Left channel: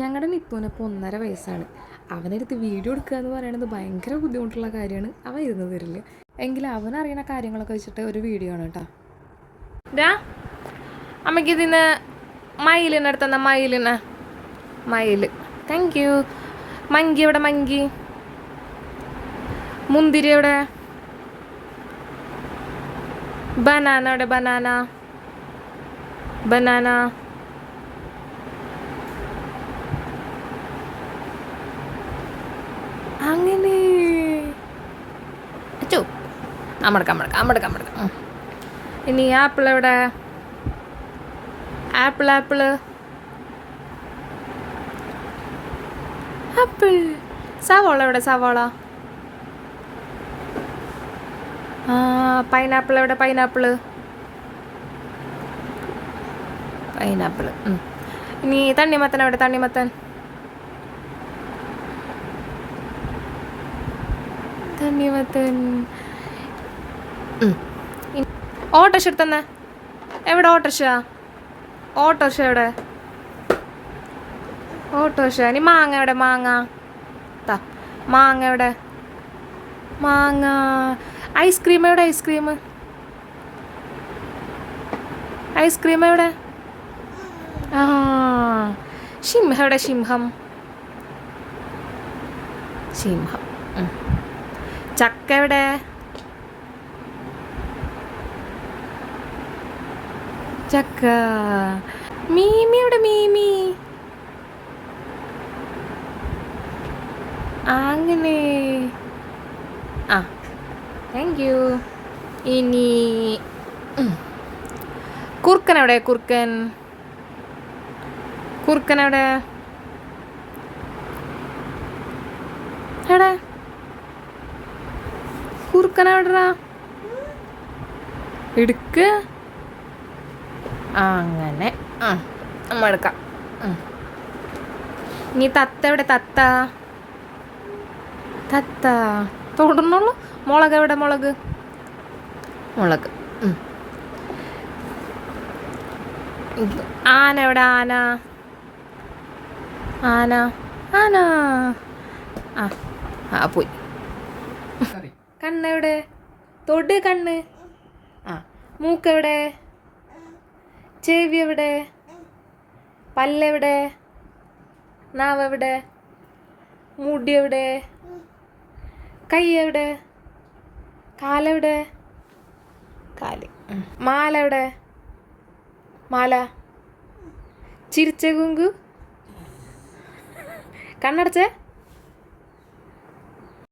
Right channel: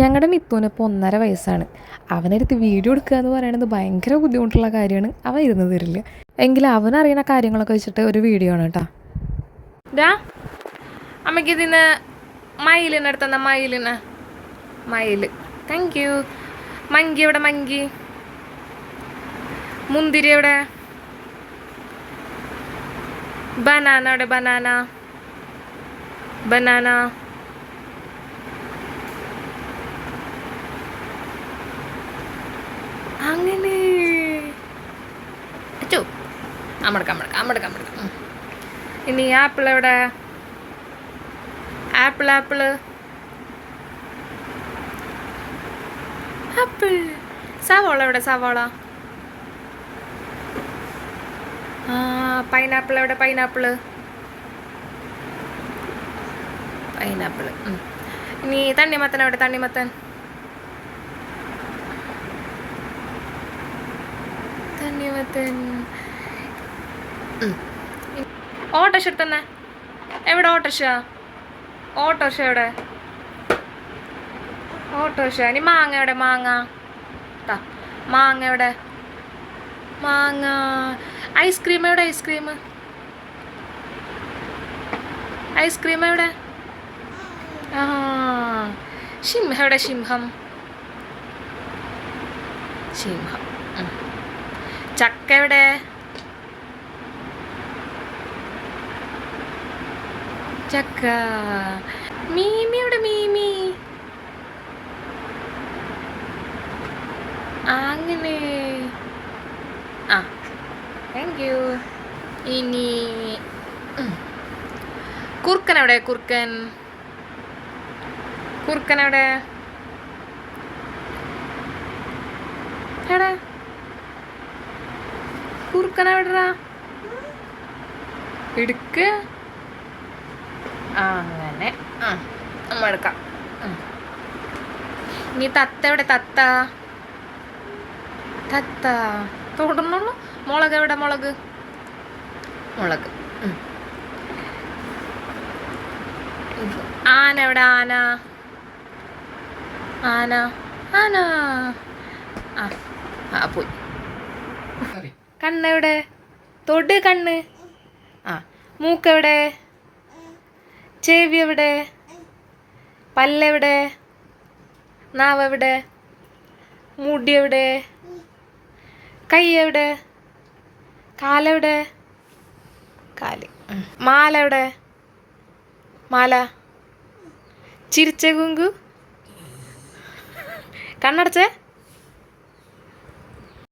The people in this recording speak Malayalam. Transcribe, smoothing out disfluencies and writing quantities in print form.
ഞങ്ങളുടെ നിത്തുവിന് ഇപ്പോൾ 1.5 വയസ്സാണ്. അവനടുത്ത് വീഡിയോ എടുക്കുക എന്ന് പറയുന്നത് ഭയങ്കര ബുദ്ധിമുട്ടുള്ള കാര്യമാണ്. അവൻ ഇരുന്ന് തരില്ല. എങ്കിലും അവനറിയുന്ന കാര്യങ്ങളൊക്കെ വെച്ചിട്ട് ഒരു വീഡിയോ ആണ് കേട്ടോ. ഇതാ അമ്മയ്ക്ക് ഇതിന്ന് മയിലിനെ അടുത്തെന്നാ മയിൽ. Thank you. മങ്കി എവിടെ? മങ്കി. മുന്തിരി എവിടെ? ബനാന എവിടെ? ബനാന. അങ്ങനെ അച്ചോ അമ്മടക്ക. ഇനി ആപ്പിൾ എവിടെ? ആപ്പിൾ. സവാള എവിടെ? സവാള. പൈനാപ്പിൾ എവിടെ? പൈനാപ്പിൾ. ഇനി തണ്ണിമത്തൻ എവിടെ? തണ്ണിമത്തൻ. ഓട്ടോഷ എടുത്തന്നെ. എവിടെ ഓട്ടോഷ? എവിടെ? ഓട്ടോഷ. ഇനി മാങ്ങ എവിടെ? മാങ്ങ എവിടെ? ഐസ്ക്രീം എവിടെ? ഐസ്ക്രീം എവിടെ? സിംഹം എവിടെ? സിംഹം. ചക്ക എവിടെ? ചക്ക. മീമി എവിടെ? മീമി. അങ്ങനെ താങ്ക് യു. ഇനി കുറുക്കൻ എവിടെ? കുറുക്കൻ എവിടെ? കുറുക്കൻ എവിടെടാ? എടുക്ക്. അങ്ങനെ നമ്മൾ എടുക്കാം. ഇനി തത്ത എവിടെ? തത്ത തൊടുന്നുള്ളൂ. മുളക് എവിടെ? മുളക്. ആന എവിടെ? ആന. പോയി. കണ്ണെവിടെ? തൊട് കണ്ണ്. മൂക്കെവിടെ? ചെവി എവിടെ? പല്ലെവിടെ? നാവ് എവിടെ? മുടി എവിടെ? കൈ എവിടെ? കാലെവിടെ? കാല്. മാല എവിടെ? മാല. ചിരിച്ച കുങ്കു. കണ്ണടച്ചേ.